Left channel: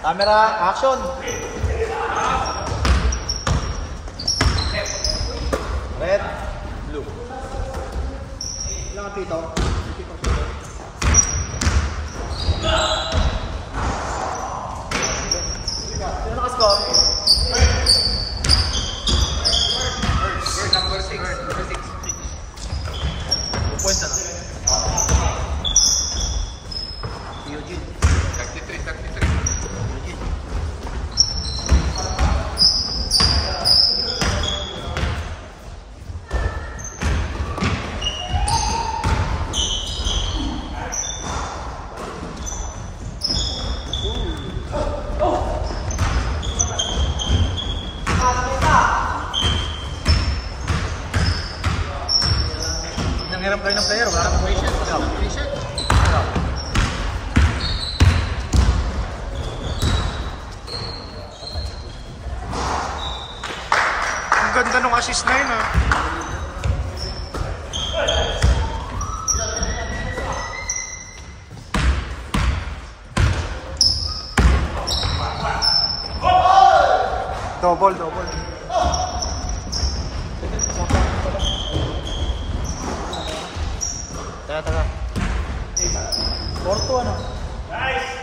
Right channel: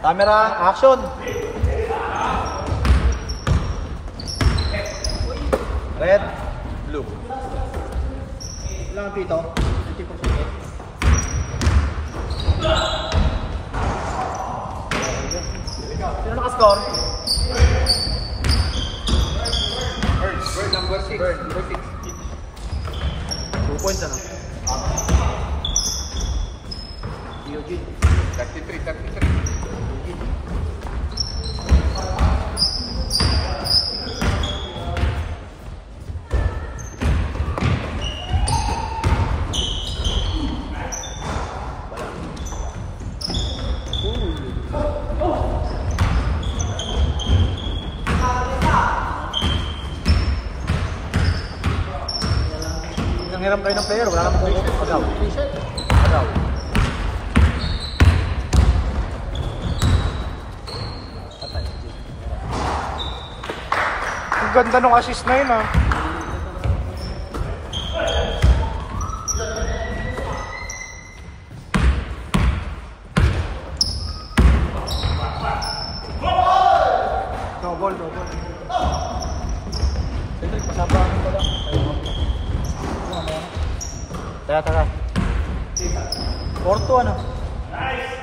Camera, action! Red, blue. Ilang ang pito? Sino nakascore? Bird number 6. Bird number 6. 2 points na. Eugene. 33. Nanghiram kayo ng player, wala naman kayo. Reset. Ang ganda nung assist na yun ah. Double. Tara. 4-2 ano? Nice!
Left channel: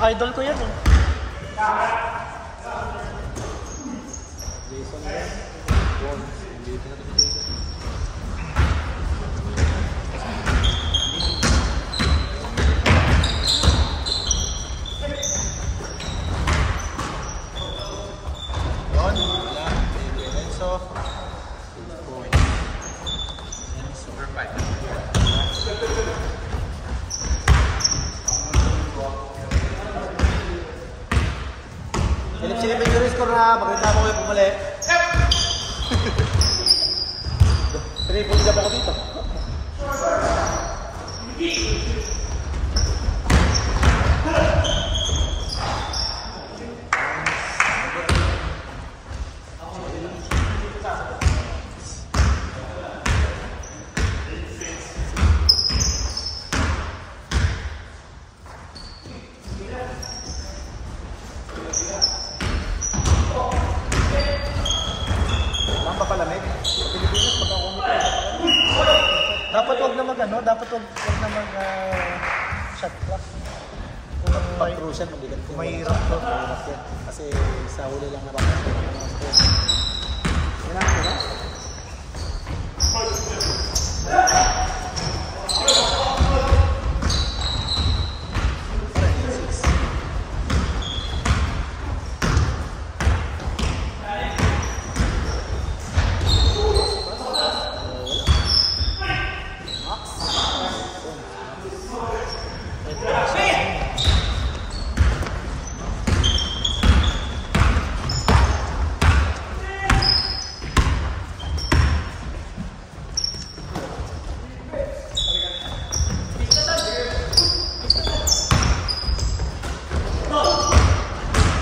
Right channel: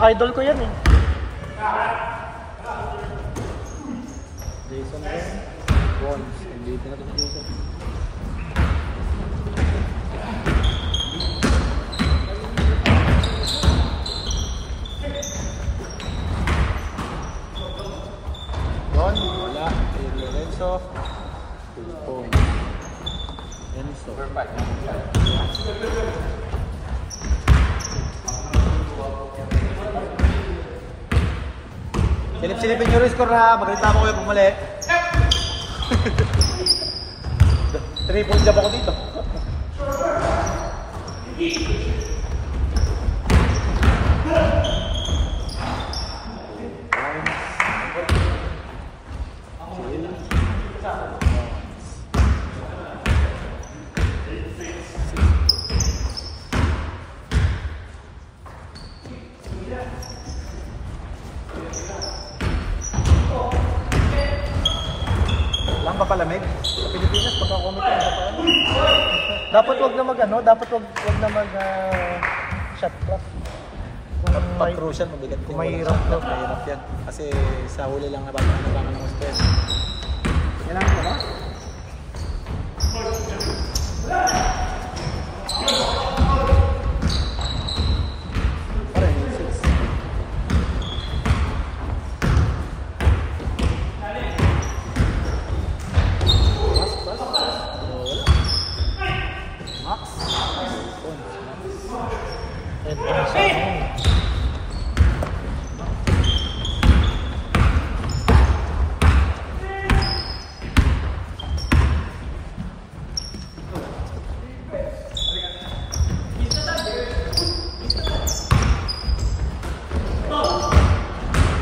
Idol ko yan eh. Yon, wala. Lorenzo. 2 points. Lorenzo. Perfect. Silipin nyo rin score ha, maganda ako kayo pumuli. 3 points na ba ko dito? Dapat wag na mag-ano, dapat wag na mag-shot cross. Pag-crucial, mabigat. Mahirap na. Kasi sa huli lang naman. Yan ang naman.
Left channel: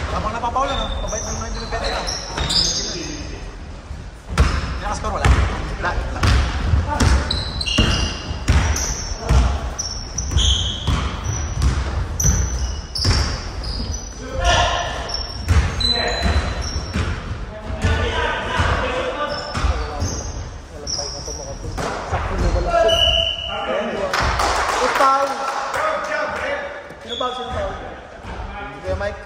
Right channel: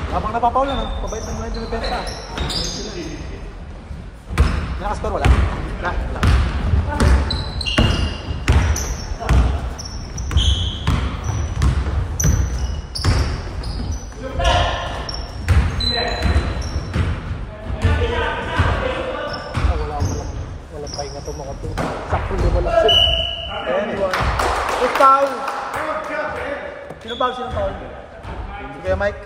Habang napapaul yun, pabait ng mga depensa. Nakascore wala? Wala. Sino ba? Mike?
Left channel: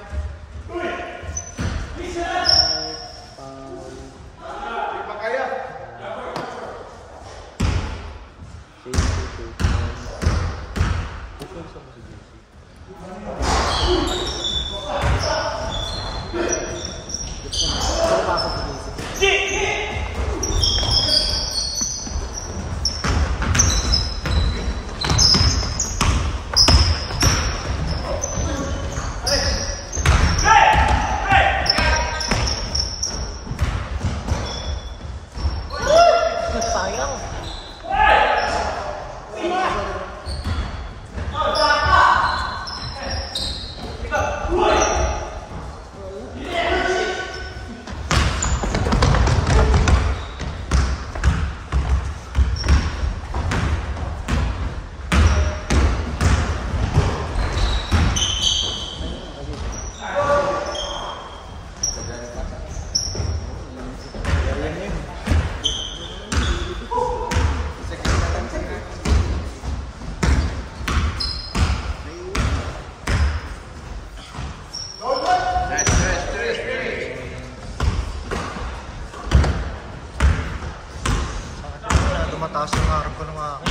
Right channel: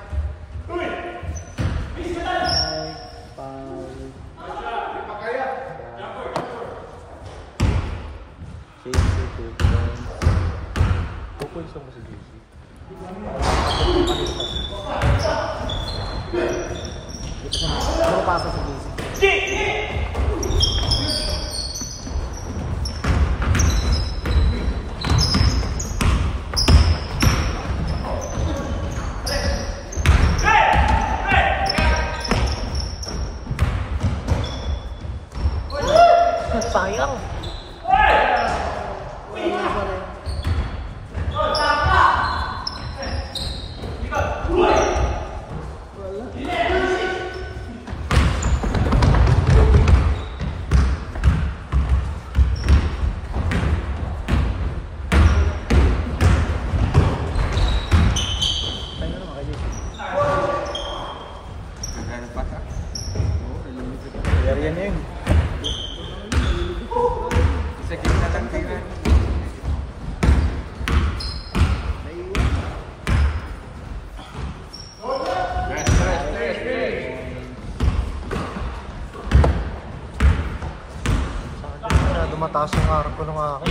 mataas yung arko nung ako.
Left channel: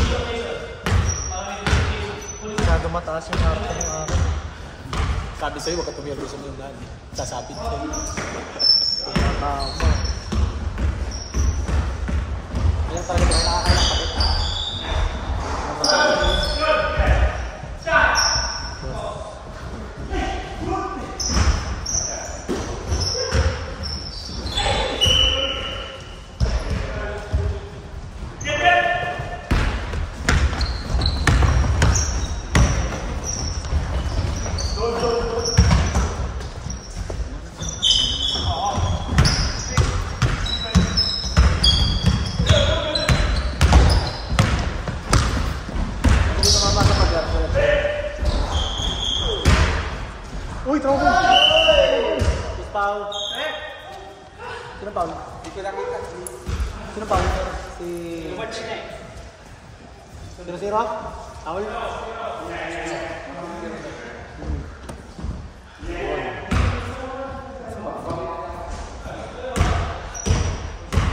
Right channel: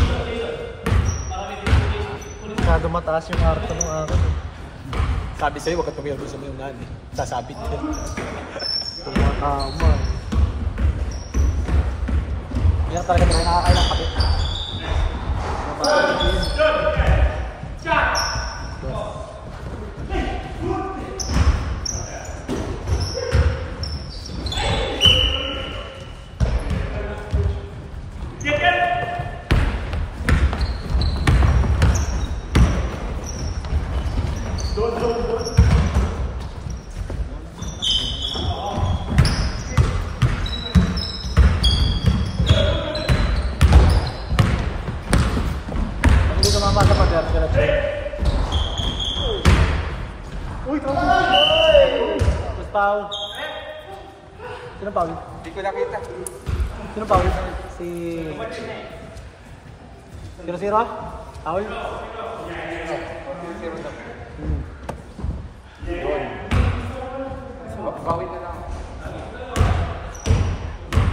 Masyado mataas yung arko nung ako. Sabi sa'yo, huwag ka pumiyaw sa lundan. Sasabit ko. Yan talaga na nakakaya. Sino Paul? Hindi ko nakita. Sino Paul? Si... Zero? Paul?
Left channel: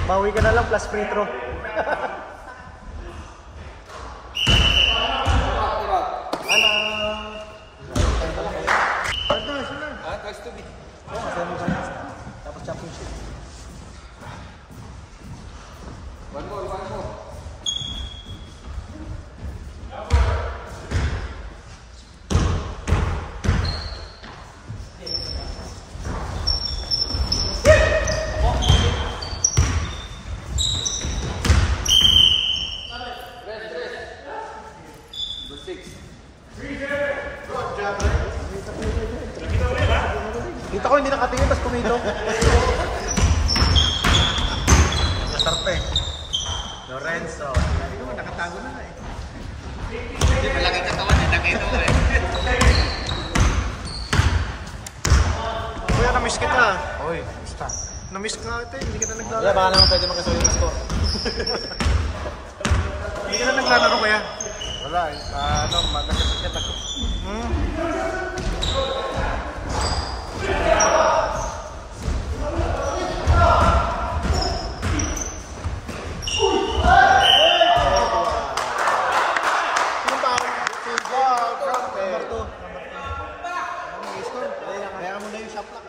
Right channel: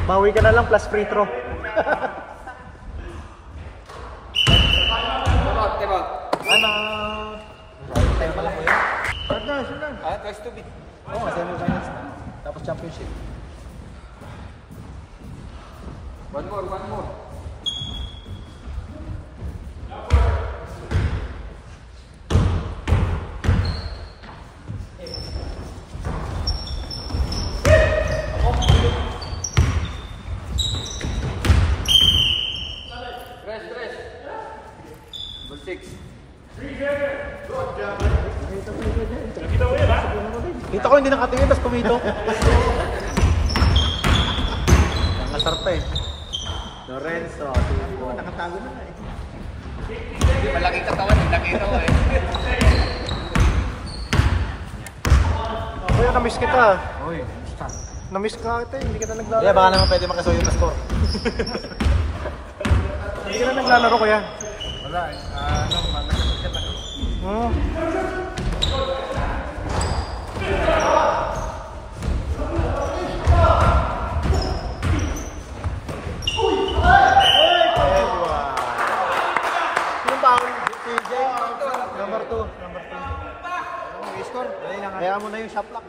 Mawi ka na lang plus free throw. Twice to beat. Tapos championship. One more. Dito ko hindi nakatingin, tapos kumito. Nakasarta eh. Lorenzo. Nakatago na eh. Hindi malaki katawan, nakita mo eh. Kuya, kamiss kita. Oy, basta. Namiss ka ate, hindi kita naglalaro. Kaya baka naman pwede makasuyo yung gusto. Hindi ka na naglalaro kuya. Wala eh. Nagkasagkat ako. Kaya mo na yung shot clock.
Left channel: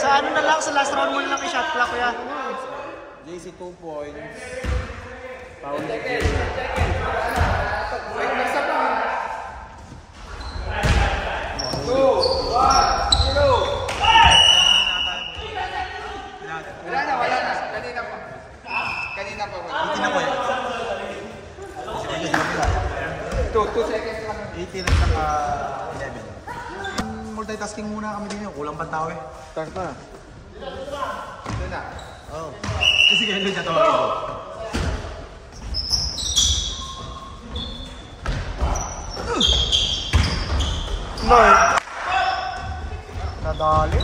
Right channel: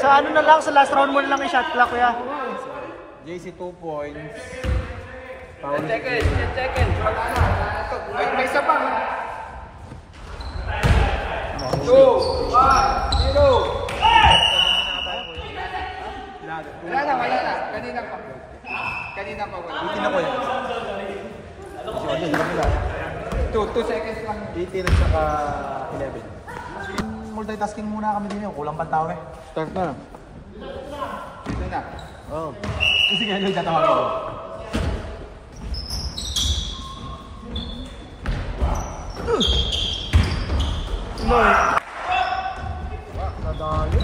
Sa ano na lang, sa last round mo na lang yung shot clock kaya. JC 2 points. Second. May isa pa. 2, 1, 0. Kanina pa. Itin ako eh. Kasi sa kabila. 2 seconds lang. 18 at saka 11. Multitasking muna kami din yun. Kulang pang tao eh. Start na. Yun na. Oo. Kasi kaya nyo tatawa ko. No. Nadali.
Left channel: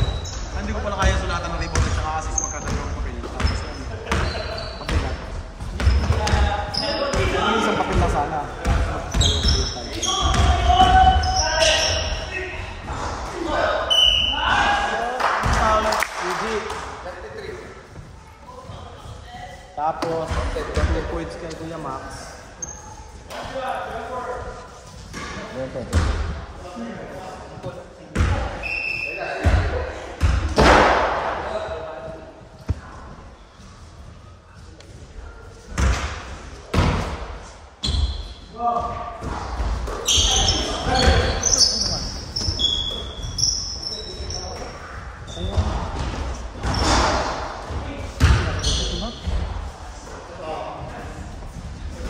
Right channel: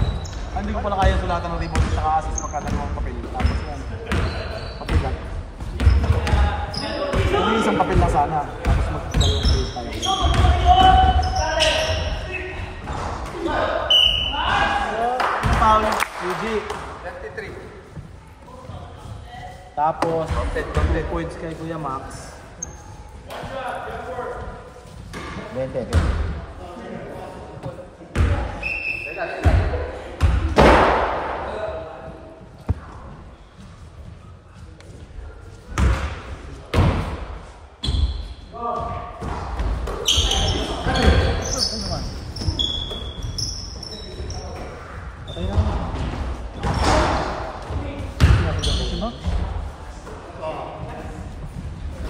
Hindi ko pala kaya sulatan ng rebound at saka assist magkatagawang papel. Assist na. Hindi isang papel na sana. Tapos, 10 points kay Kuya Max.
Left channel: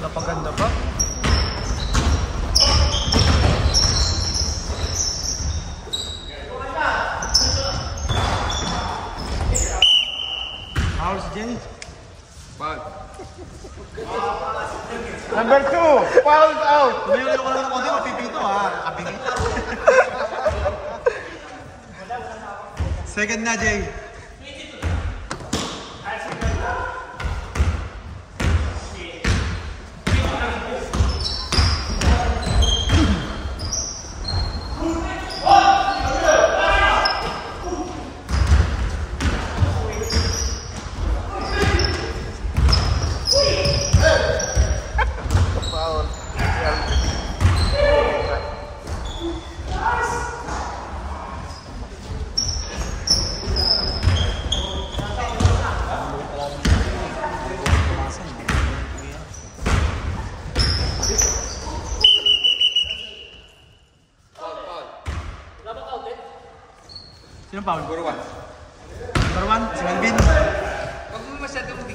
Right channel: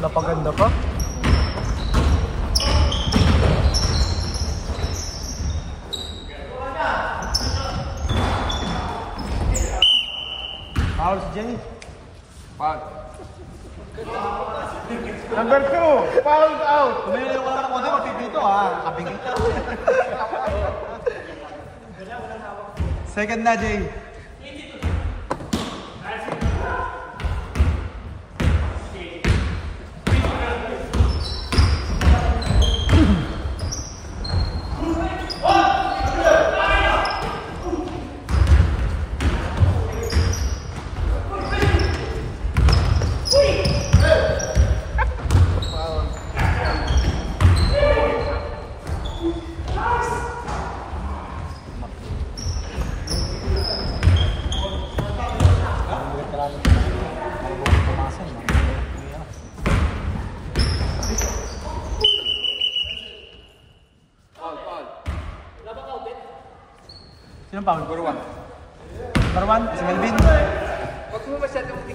Napaganda pa. Foul si Jenny. Foul. Number 2, foul out. Tumayo ko lang ng konti, mapipito ha. Kabingit. Second na, Jay. Sinong foul? Number 1, si Melvin. Huwag mo masyadong big.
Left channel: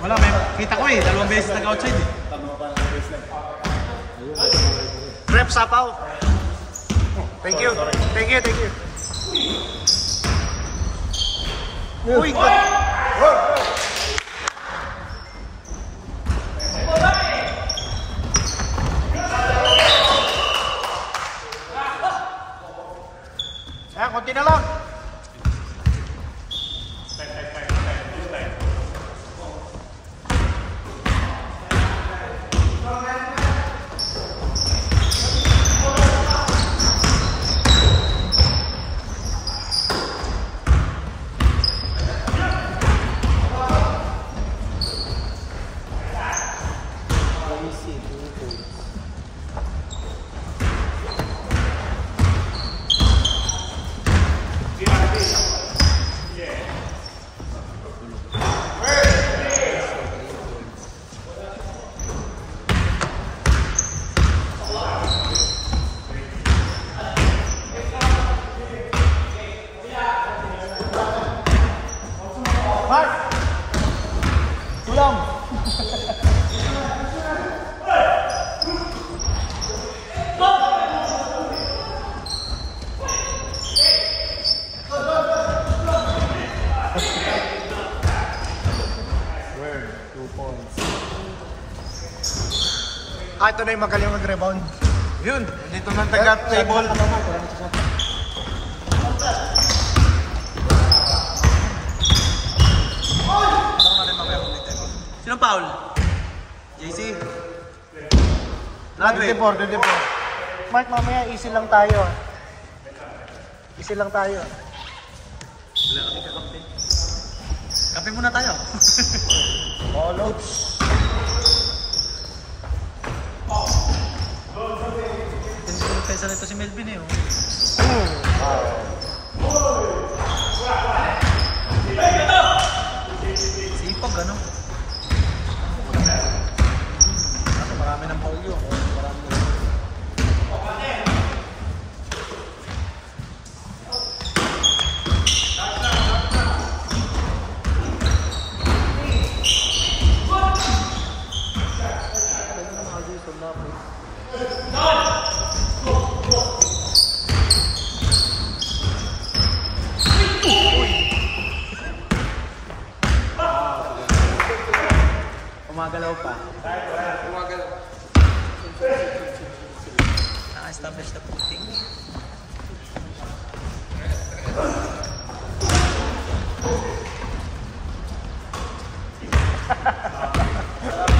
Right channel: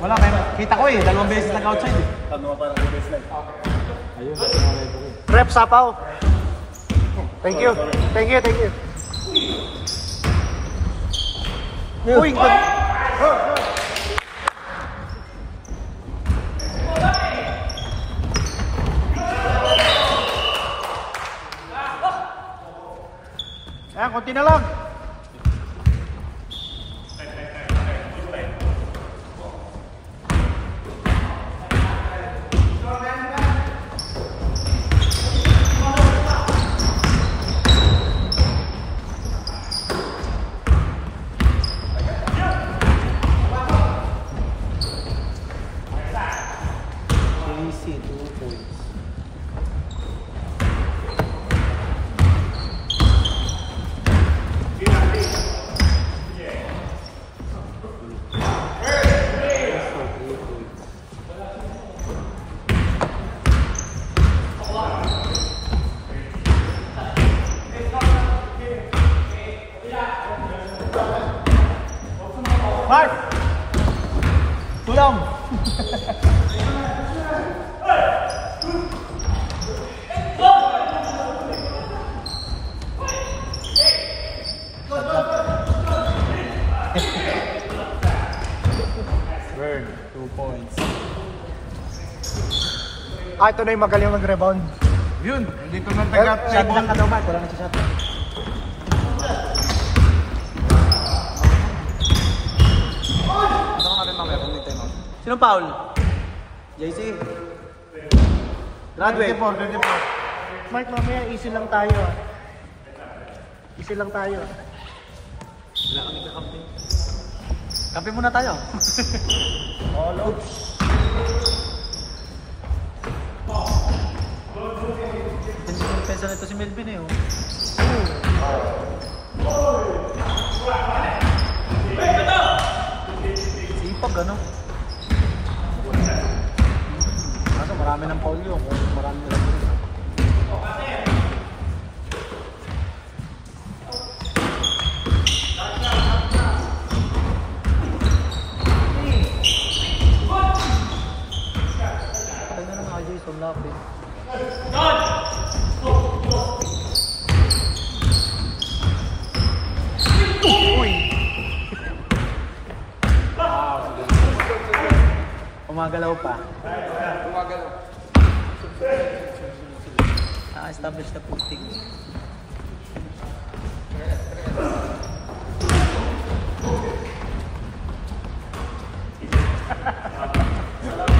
Wala, may kita ko eh. 2 beses nag-outside eh. Rep Sapaw. Thank you. Thank you, thank you. Uy! Ayan, konti na lang. Ito na yung magaling mag-rebound. Yun, dito na taga-play ball. Sinong foul? JC? Radway? 24. Mark, mamaya easy lang tayo. Easy lang tayo. Wala kami kakampi. Kampi muna tayo. Oops. Kaysa nito si Melvin eh. Sipag ano? Kaso marami ng foul yun. Umagalaw pa. Umagalaw. Na-establish na puting.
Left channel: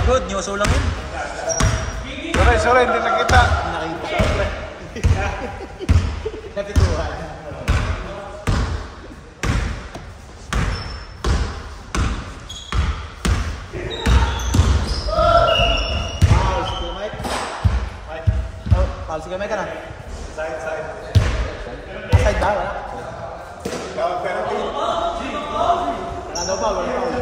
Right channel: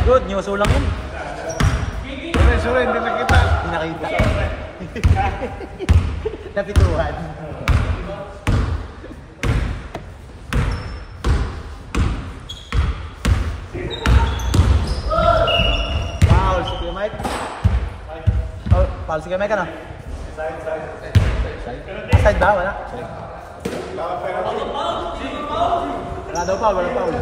Good, nyoso lang yun. Sorry, hindi nakita. Hindi nakita. Napitulan. Sige, may ka na. Side ba? Wala. Wala daw pa, wala pa.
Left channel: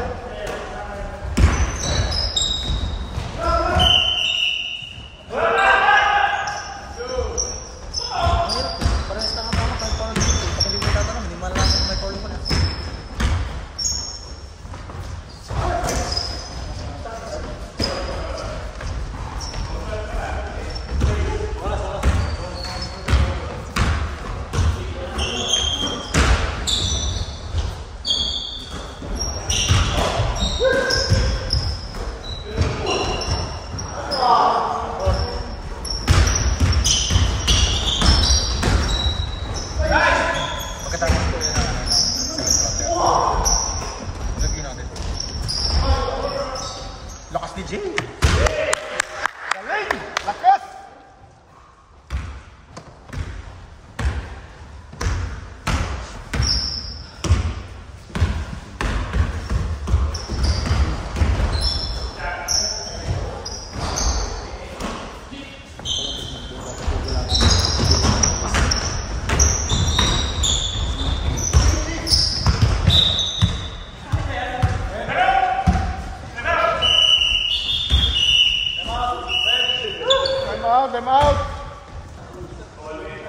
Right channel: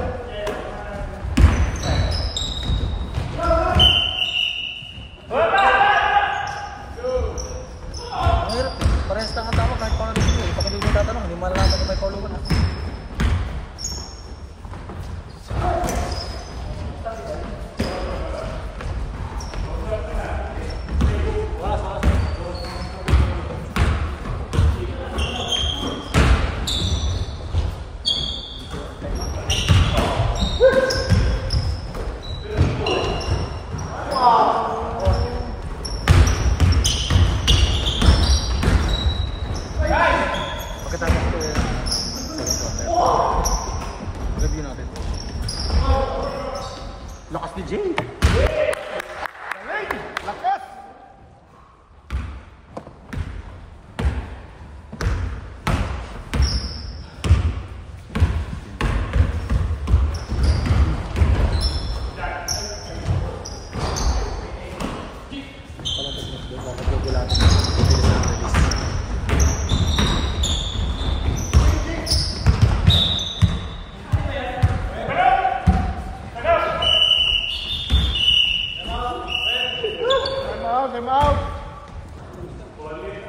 time out!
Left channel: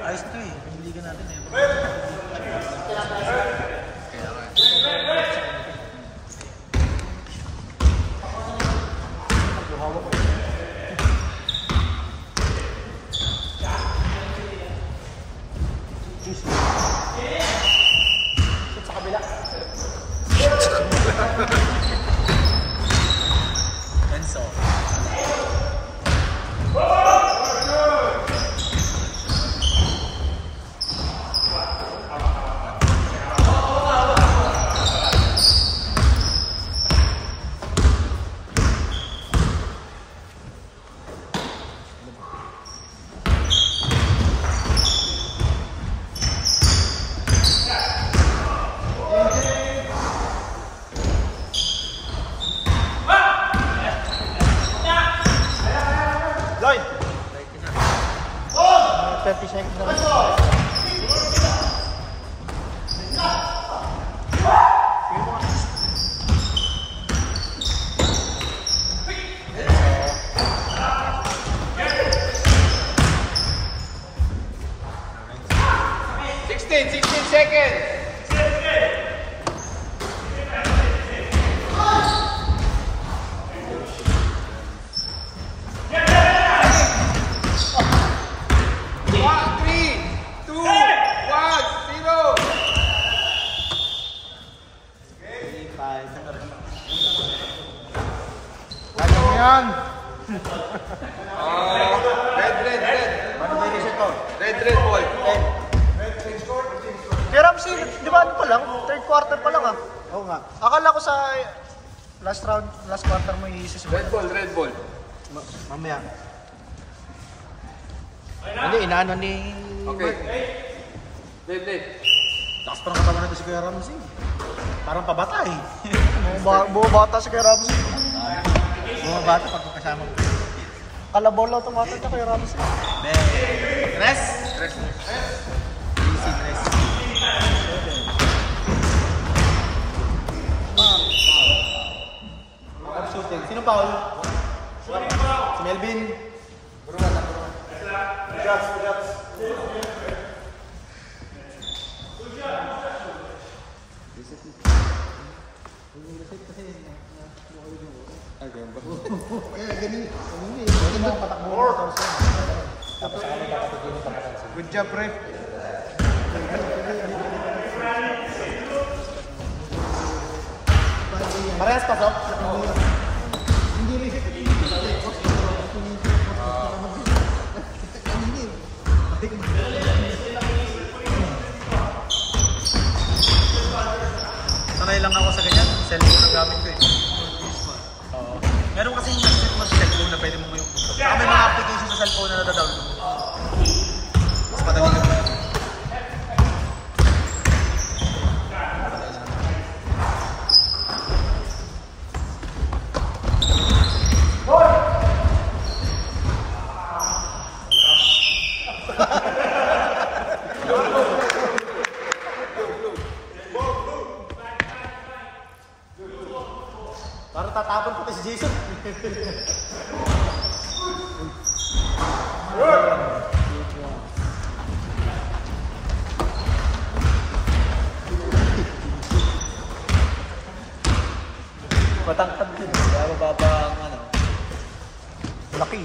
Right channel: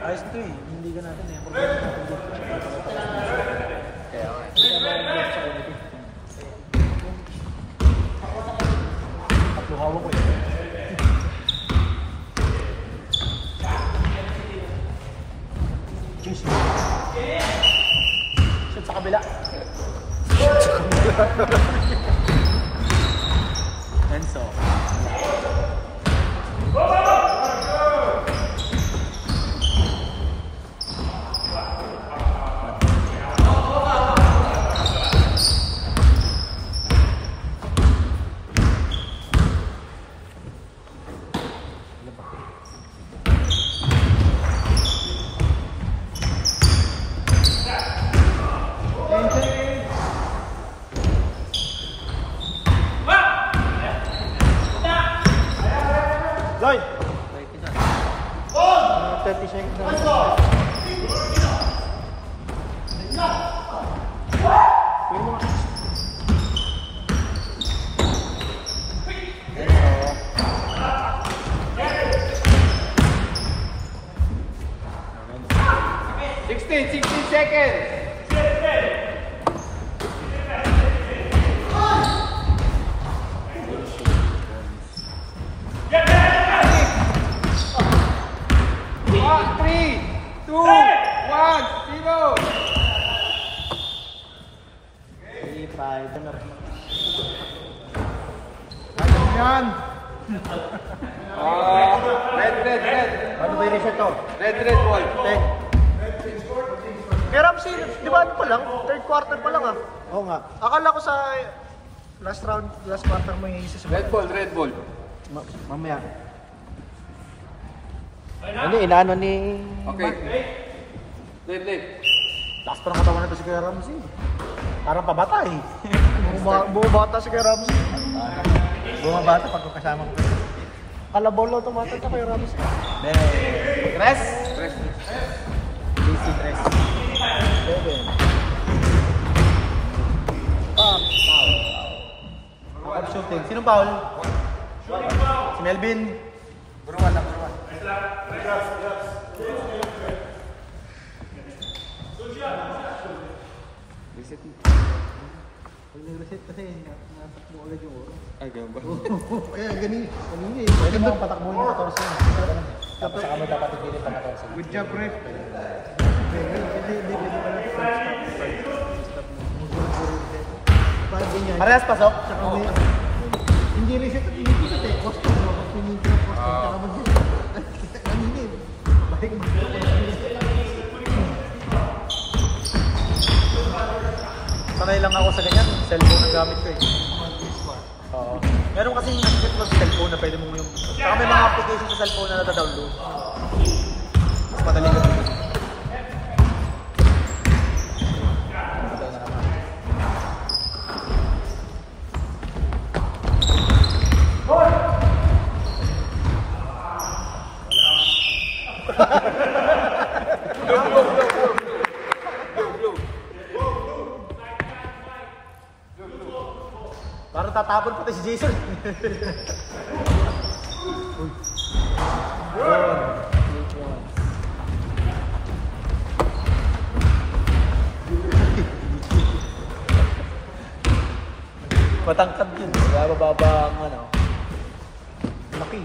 Ayos ito eh. Hindi ka natin eh. Enzo. Lloyd! 30 seconds na lang. Enzo. 16 seconds! Red ball. Kaya Ramsey, di ba ano pa lang? Third quarter pa lang ah. Oo nga. Akala ko sa last round, last quarter mo yung isis mo. Red ball. Mamaya. Hindi, inaano ni... Okay. Late. Lakas pa ng katawan natin si Kuya Ramsey. Parang pabata eh. Bumabata si Kuya Ramsey. Bumabata pag kasama ko kayo. Kalabaw lang tumatay na Kuya Ramsey. Rest. Shooting. Sino foul? Si Melvin. Good job, Ref. Parehas pasok. Hindi reset. Sanay lang ako sa ganyan. Cellphone na gamit ko eh. Oo. Meron kasing set mo sa cellphone na pwede mo yung... Saka may mga application sa cellphone na nadadownload. Mas madali lang. Parang tatapon pati si Jason. Matangkad din. Baba ang ano. Laki.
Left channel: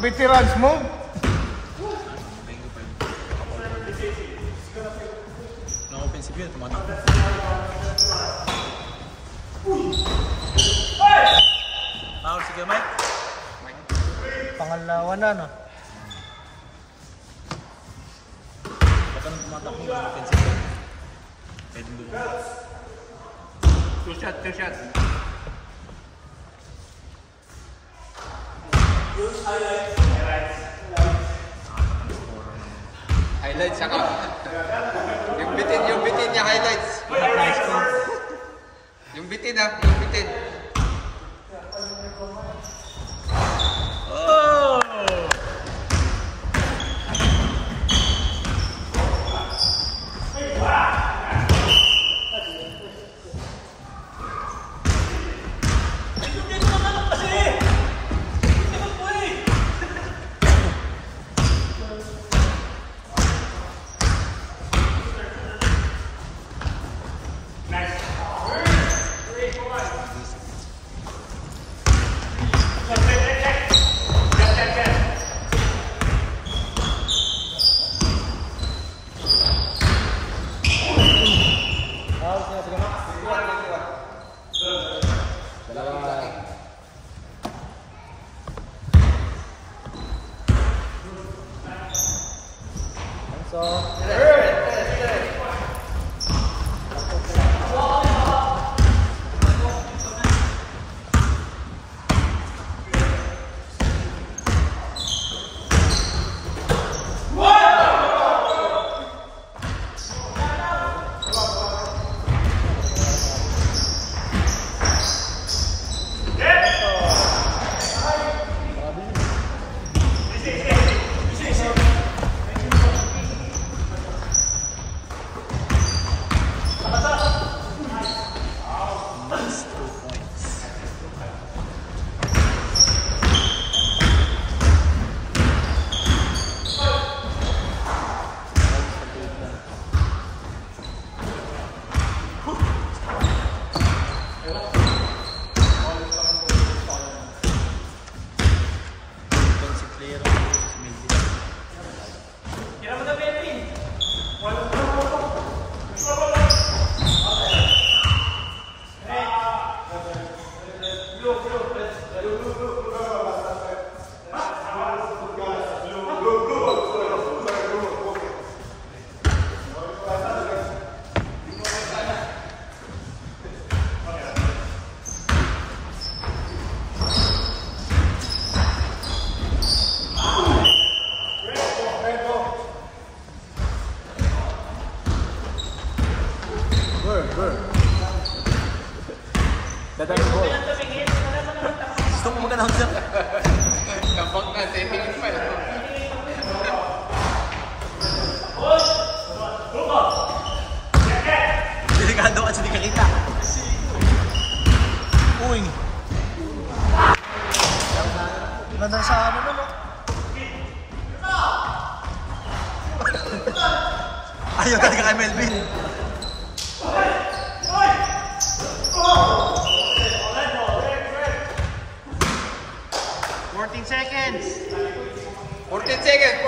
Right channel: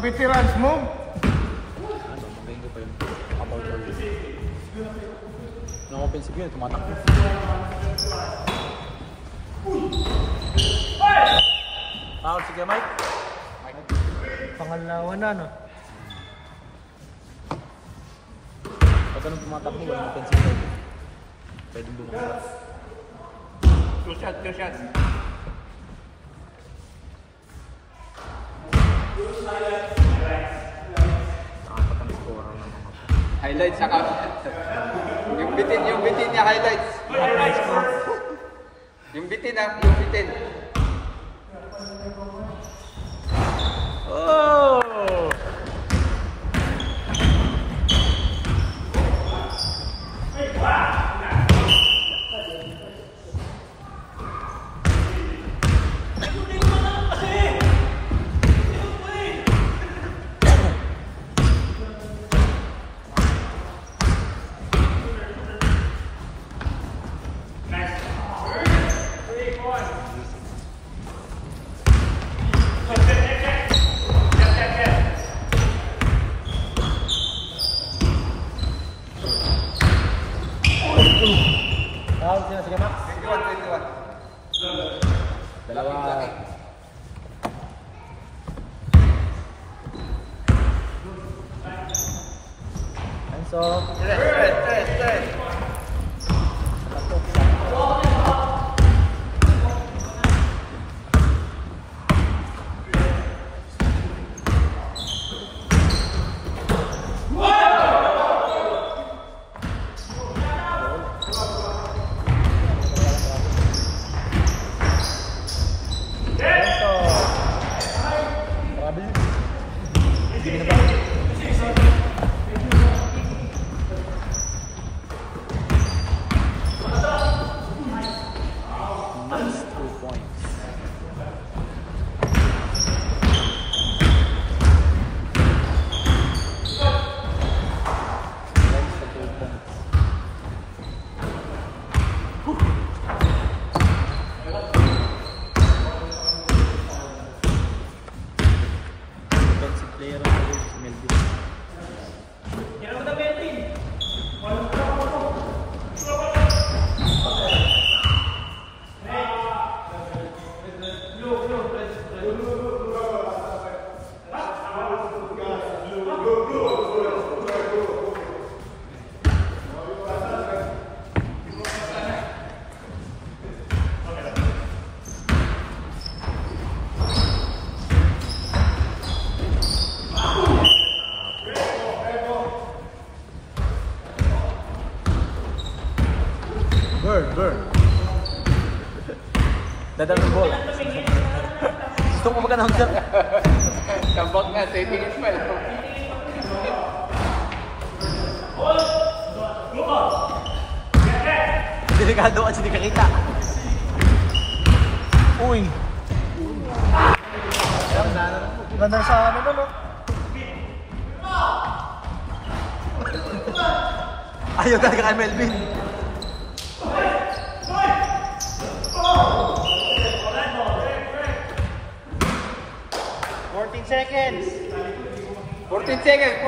Veterans mo? Yung offensive yun, tumatakbo. Foul si Mike. Pangalawa na, no? Pag ganun tumatakbo, mas offensive daw. Pwede lumabas. Two shots. Nakakatang scorer ng mga. Highlights saka. Yung bitin niya highlights. Yung bitin. Oh! Dadang mo. Stupid ka naman dyan. Kabang nga, taking pa lang. Delikado kasi di ka kita. Uy. Ganda sa ano mo, no? Ayaw talaga kay Melvin. Seconds. 14 seconds.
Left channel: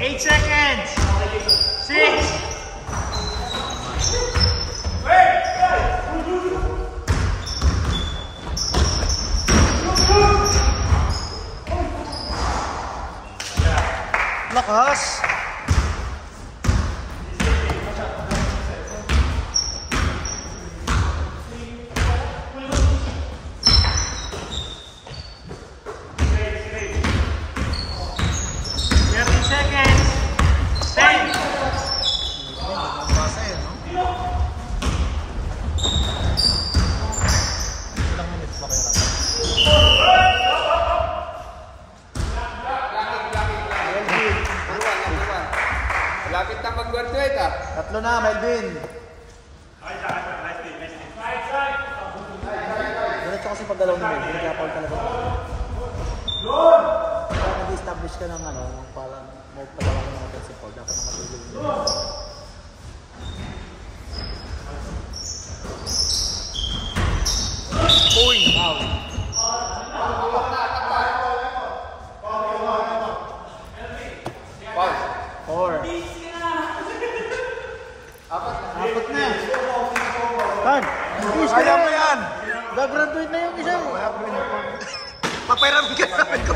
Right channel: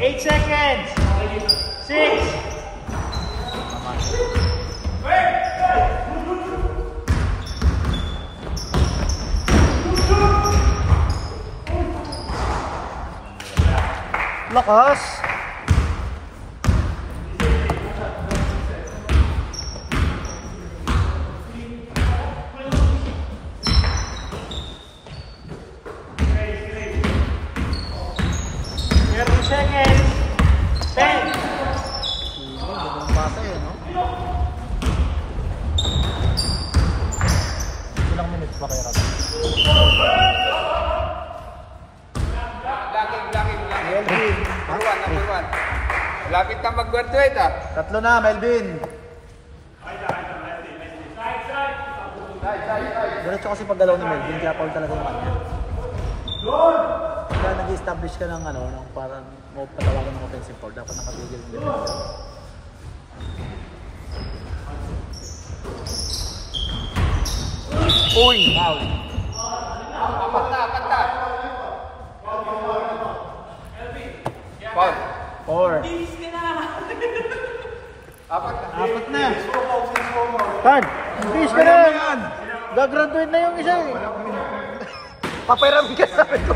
8 seconds. 6. Lakas. Lapit na mag-graduate ah. Tatlo na, Melvin. Diretso kasi pag dalaw ni Melvin, kaya call ka na lang. Kapag nag-establish ka ng ano, parang move ka lang ng principal, dapat nakagigil mo. Uy! Four. Apat na. Tan, please ka Kaya mo na. yan. Gagraduate na yung isa eh. Papairam ka namin ko.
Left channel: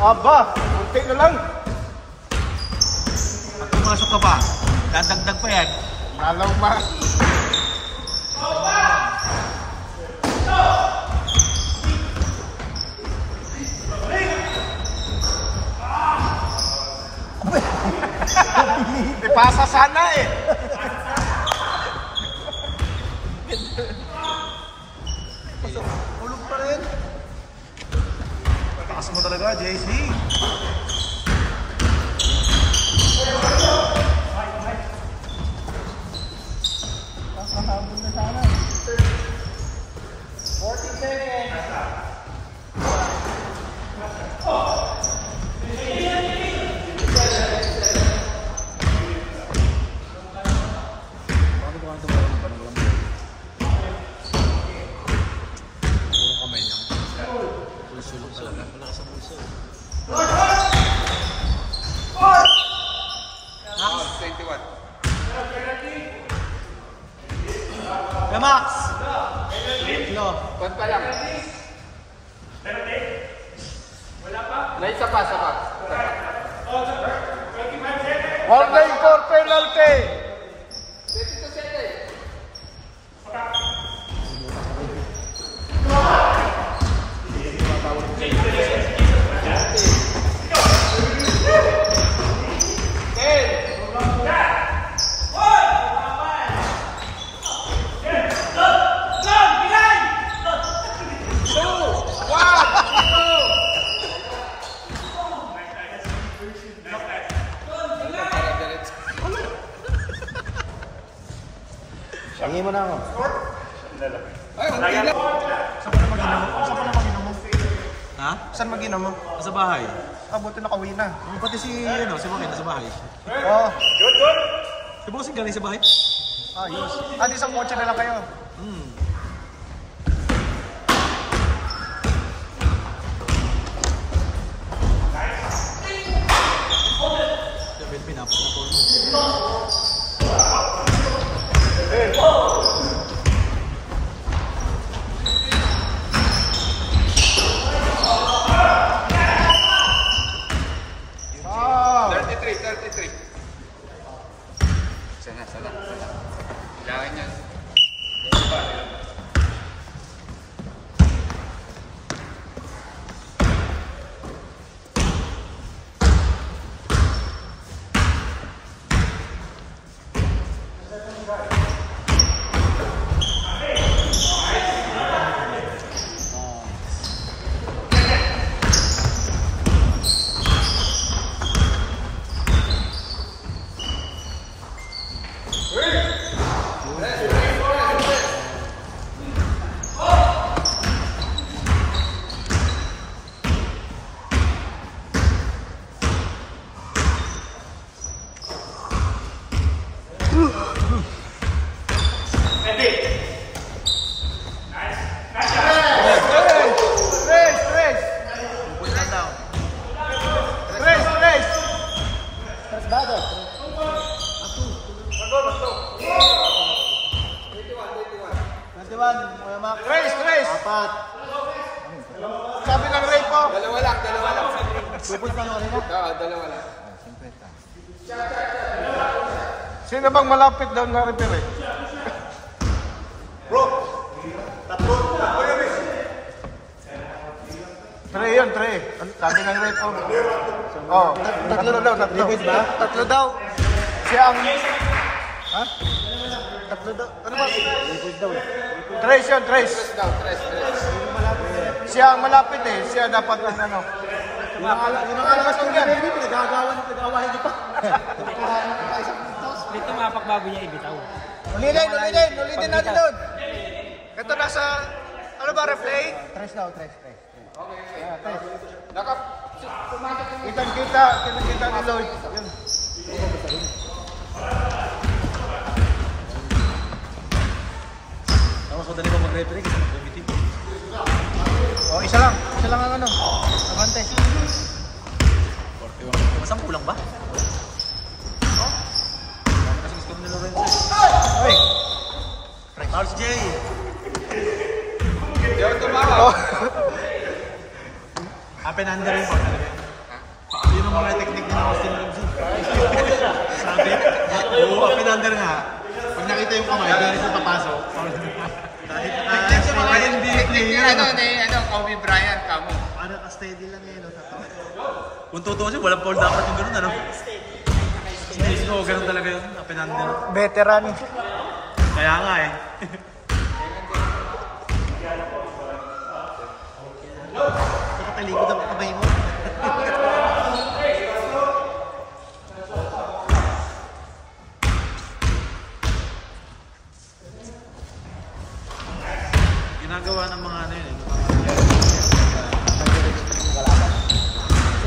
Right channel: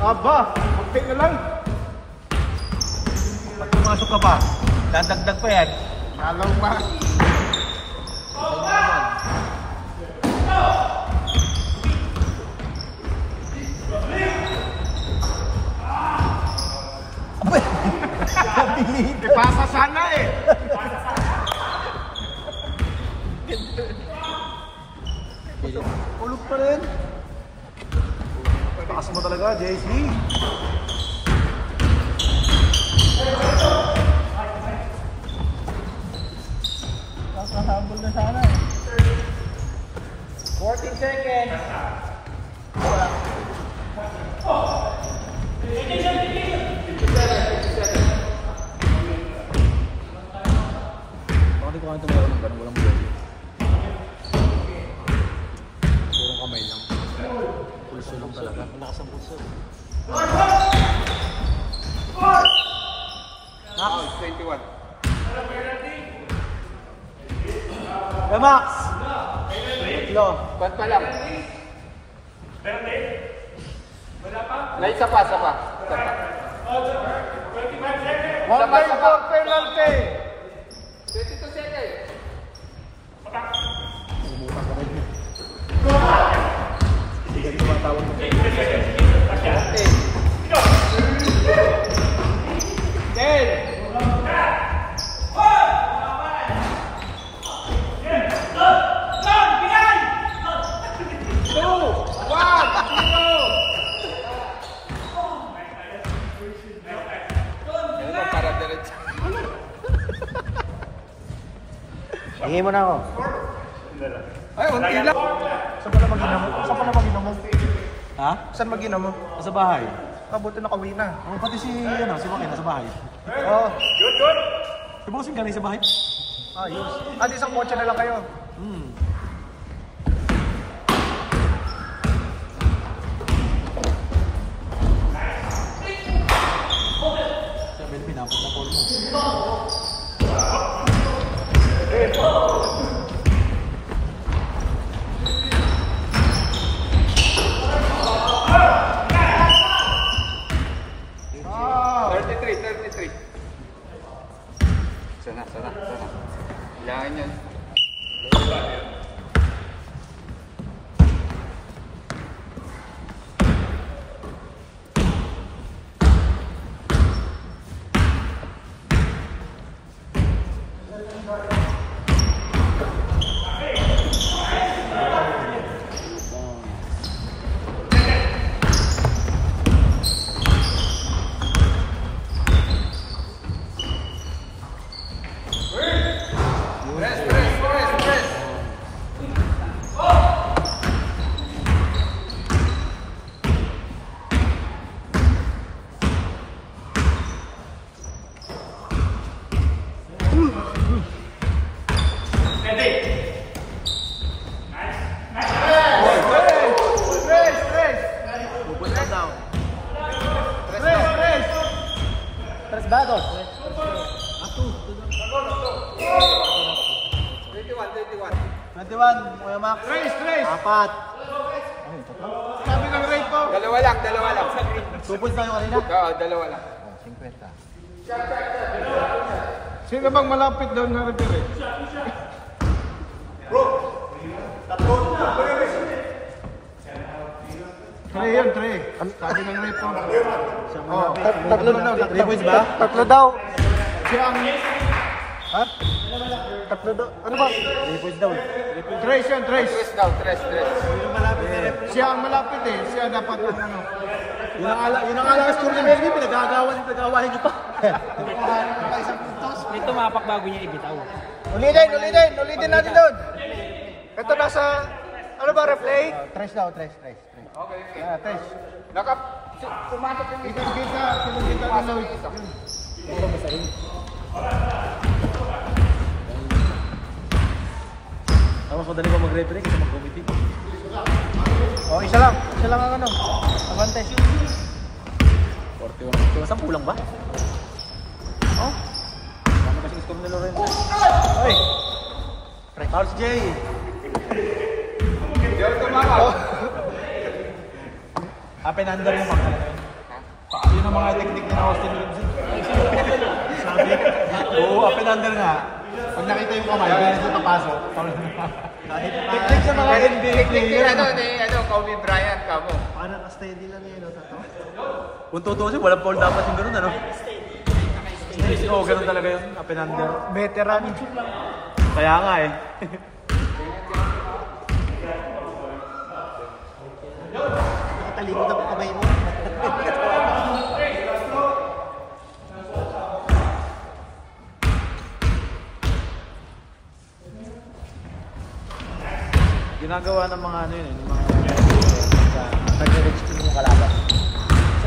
Aba, okay na lang. Pag pumasok ka pa, dadagdag pa yan. Malaw ma. Ipasa sana eh. Ulog pa rin. Takas mo talaga, JC. Max! No. Ba't pa lang? May isa pa. One day for penalty. 22-7. Hingin mo na ako. Ay, unti lang. Saan ka na mag-inom mo? Ha? Saan mag-inom mo? Sa bahay. Kabuti nakauwi na. Oh, pati si Joaquin nasa bahay. Oo. Si Bossing galing sa bahay? Ayos. At isang kotse na lang kayo. Sabi na pinapat na call mo. Sana. Kailangan yan. Trace! Apat. Sabi ng rate po. Dalawa lang sa green. Pupunta tayo kanina? Oo, dalawa lang. Sino bang malapit daw na repair? Bro! Tatlo yun. Tray yun, tray. Sabi ng rate po. Oo, tatlo na daw. Tatlo daw. Siya ang... Ha? Tatlo daw. Ano ba? Trace yun, trace. Tres. Siya ang malapit eh. Siya dapat ano. Pinakalakas ko na rin, pinagagawahin ito. Ito mapak bago niya ibitaw. Ulitin natin doon. Ito nasa, ano ba, replay? Trace daw, trace. Okay. Trace. Pumasok yung Kita ni Lloyd. Siya lang ang ano. Abante. 41. Saan kulang ba? Oh? Ano kasi gusto mo nila rin? Oy! Carlos J! Up and under yung pangalaga. Yun ang mga technique na Austin Robinson. Sabi, oo, up and under nga. Pag nakita yung kamay, hindi rin papasok. Kahit sa mga NBA player. Kobe Bryant ka mo. Paano ka-steady lang eh, no? Kung totoo siya, walang foul dapat yung gano'n, ano? Oo, ganun talaga yun, up and under. Veteran. Kaya nga eh. Nakatalikod ang kamay mo. Ginagawa ng mga ano yun eh.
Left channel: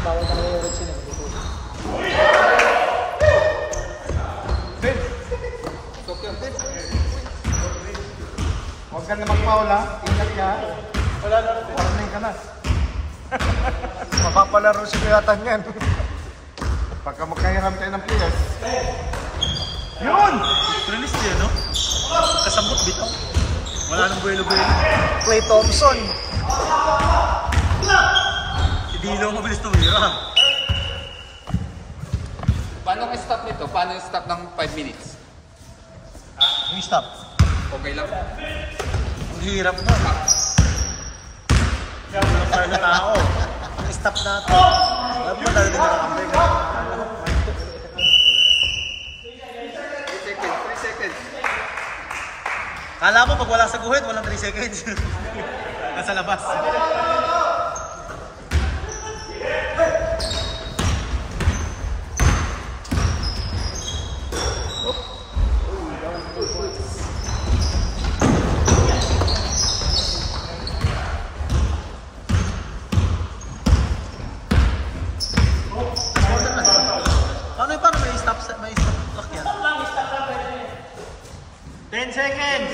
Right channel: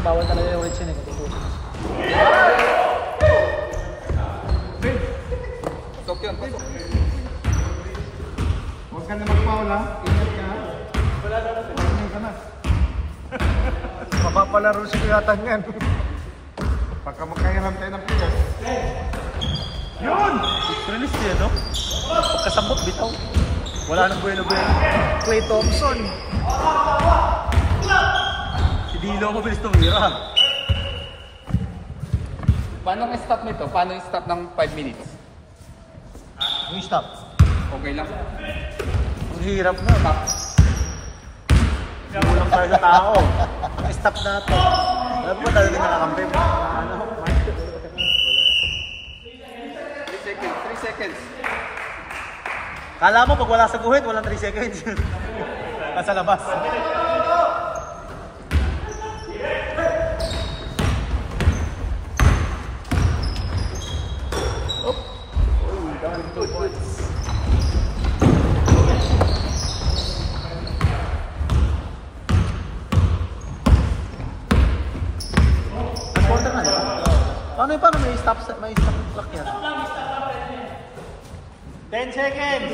Bawal ko yung origin eh. Huwag ka na mag-foul ha. Ingat ka. Wala ka na. Mapapalaro si Kuyatan yan. Baka makahiram tayo ng players. Yun! Release yun, no? Pagkasambot bitaw. Wala nang buwelo-buwelo. Clay Thompson. Hindi na ako mabilis tumira. Paano ang stop nito? Paano yung stop ng 5 minutes? Yung stop. Okay lang. Ang hirap mo. Hirap tayo na tao. Stop natin. Alam mo tayo nagkakampi. 3 seconds. Kala mo pag wala sa guhit, walang 3 seconds. Nasa labas. Paano may stop clock yan? 10 seconds.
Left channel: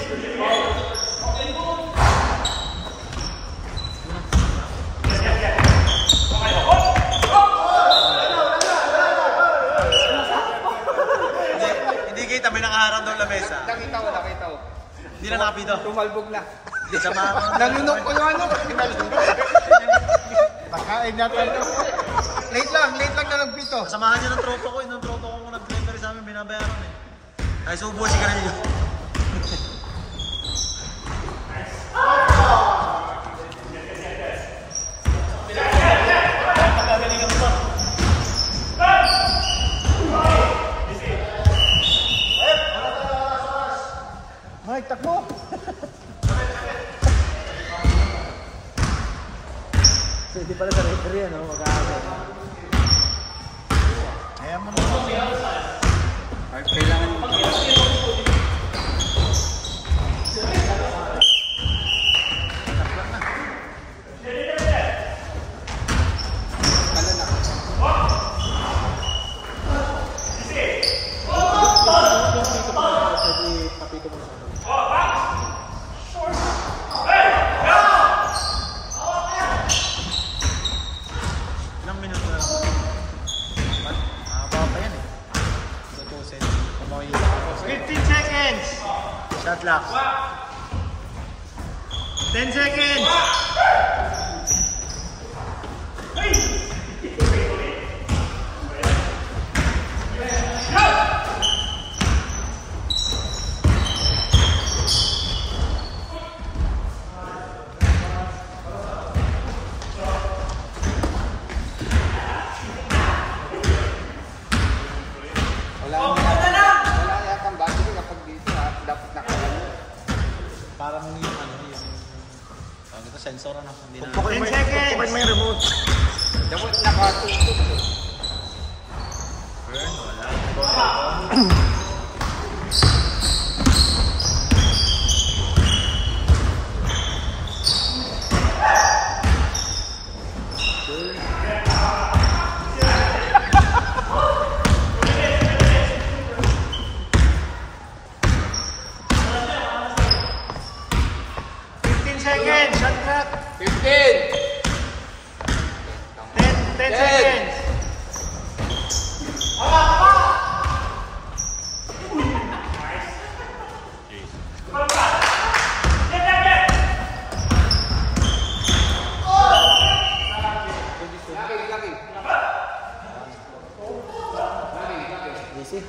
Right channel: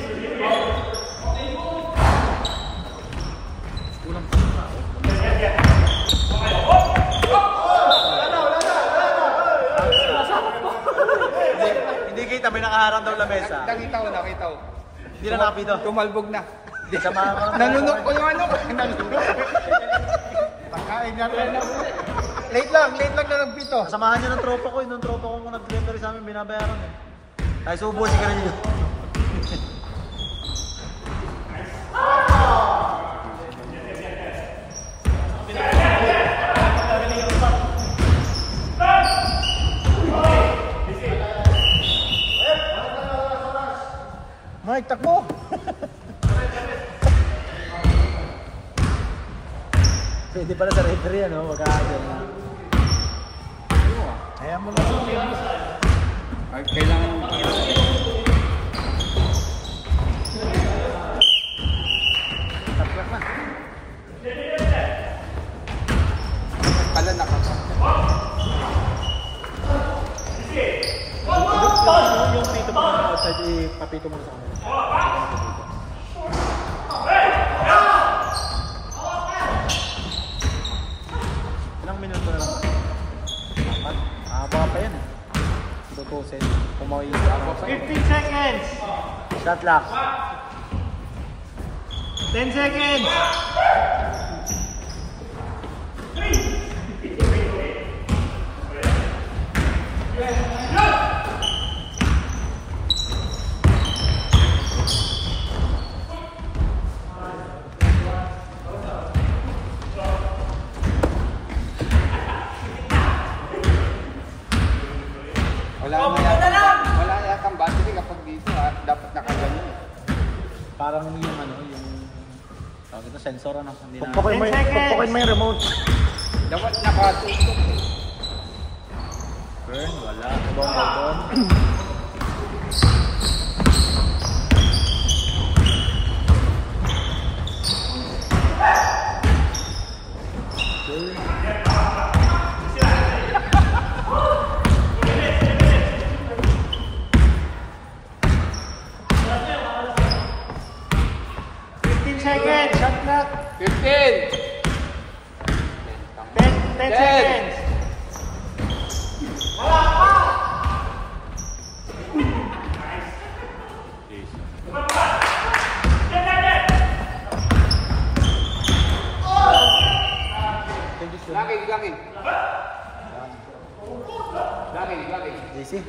Hindi kita, may nakaharang daw lamesa. Nakita ko. Hindi na nakapito. Tumalbog na. Samahan ko. Nanunok ko yung ano. Nakain yan tayo. Late lang na nagpito. Samahan niyo ng tropa ko. Yung tropa ko kung nag-delivery sa amin, binabayaran eh. Ay, subo si Carmelo. Mike, takbo. Pwede pala sa referee, ano? Ayaw mo na po. Kailangan Ilang minuto na lang? Baka pa yun eh. Tutusin. Kumawi. 15 seconds. Shot lock. 10 seconds. Parang yun. Ito sensor ano. Pupukin mo yung remote. Burn, wala. Bond. Seconds. 15. Easy.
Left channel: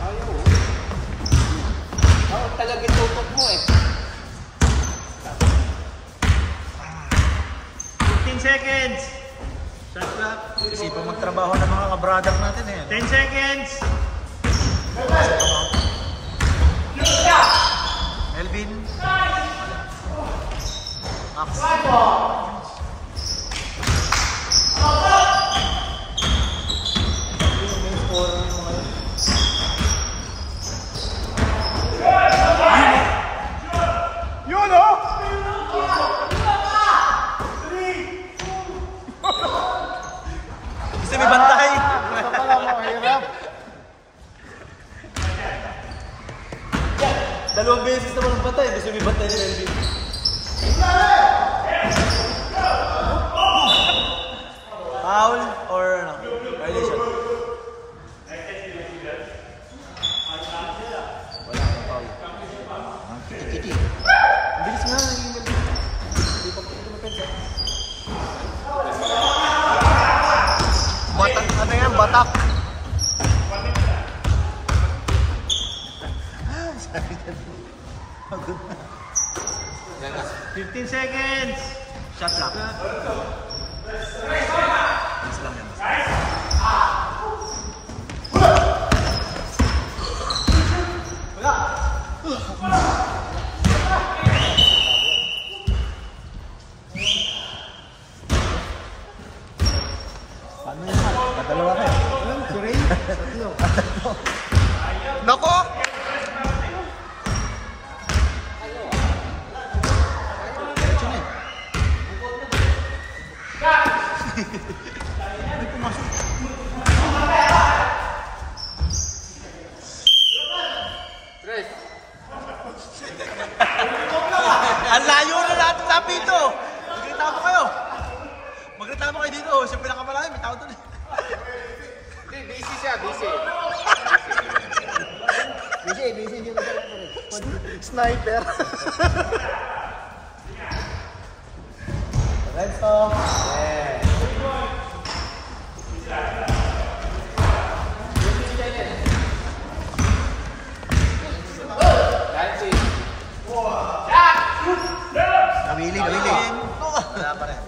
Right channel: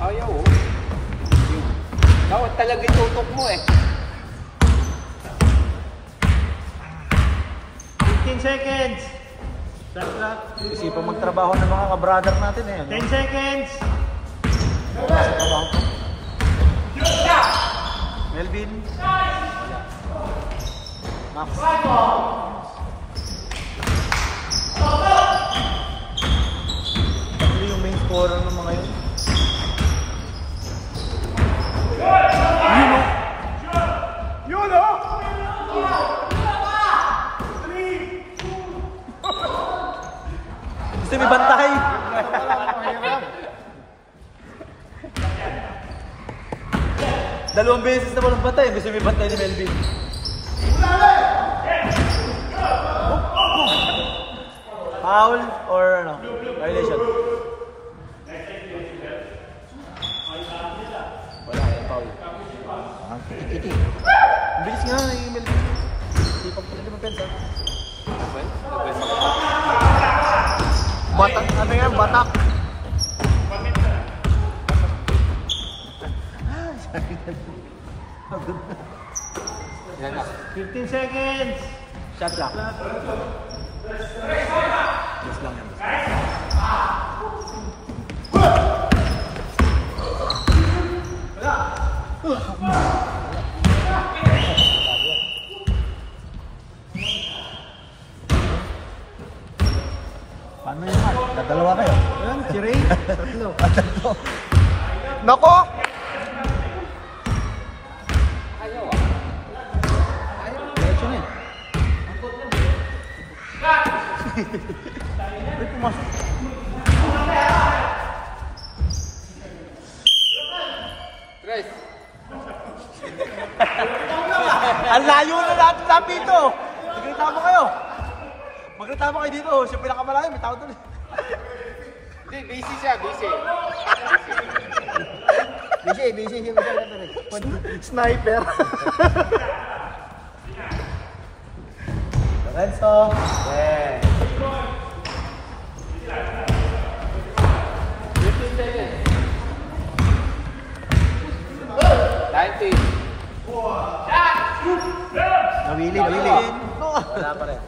Ayaw. Bawat talaga itutok mo eh. 15 seconds. Shot clock. Isipang magtrabaho ng mga kabradak natin eh. 10 seconds. Melvin. Wala. Max. Yung main scorer ng mga yun. Gusto may bantay. Dalawang beses naman ang bantay. Gusto may bantay ni Melvin. Foul or ano? Violation? Tiki-tiki. Ang bilis nga na yung Melvin. Batak, ano yan? Batak. Pagod na. 15 seconds. Shot lang. Miss lang yan. Si Ray. Nako! May pumasok. Ang layo na natin sa pito. Magkita mo kayo. Magkita mo kayo dito. Siya pinakamalaki. May tao doon. Busy siya, busy. Busy. Sniper. Renzo. Nawili. Wala pa rin.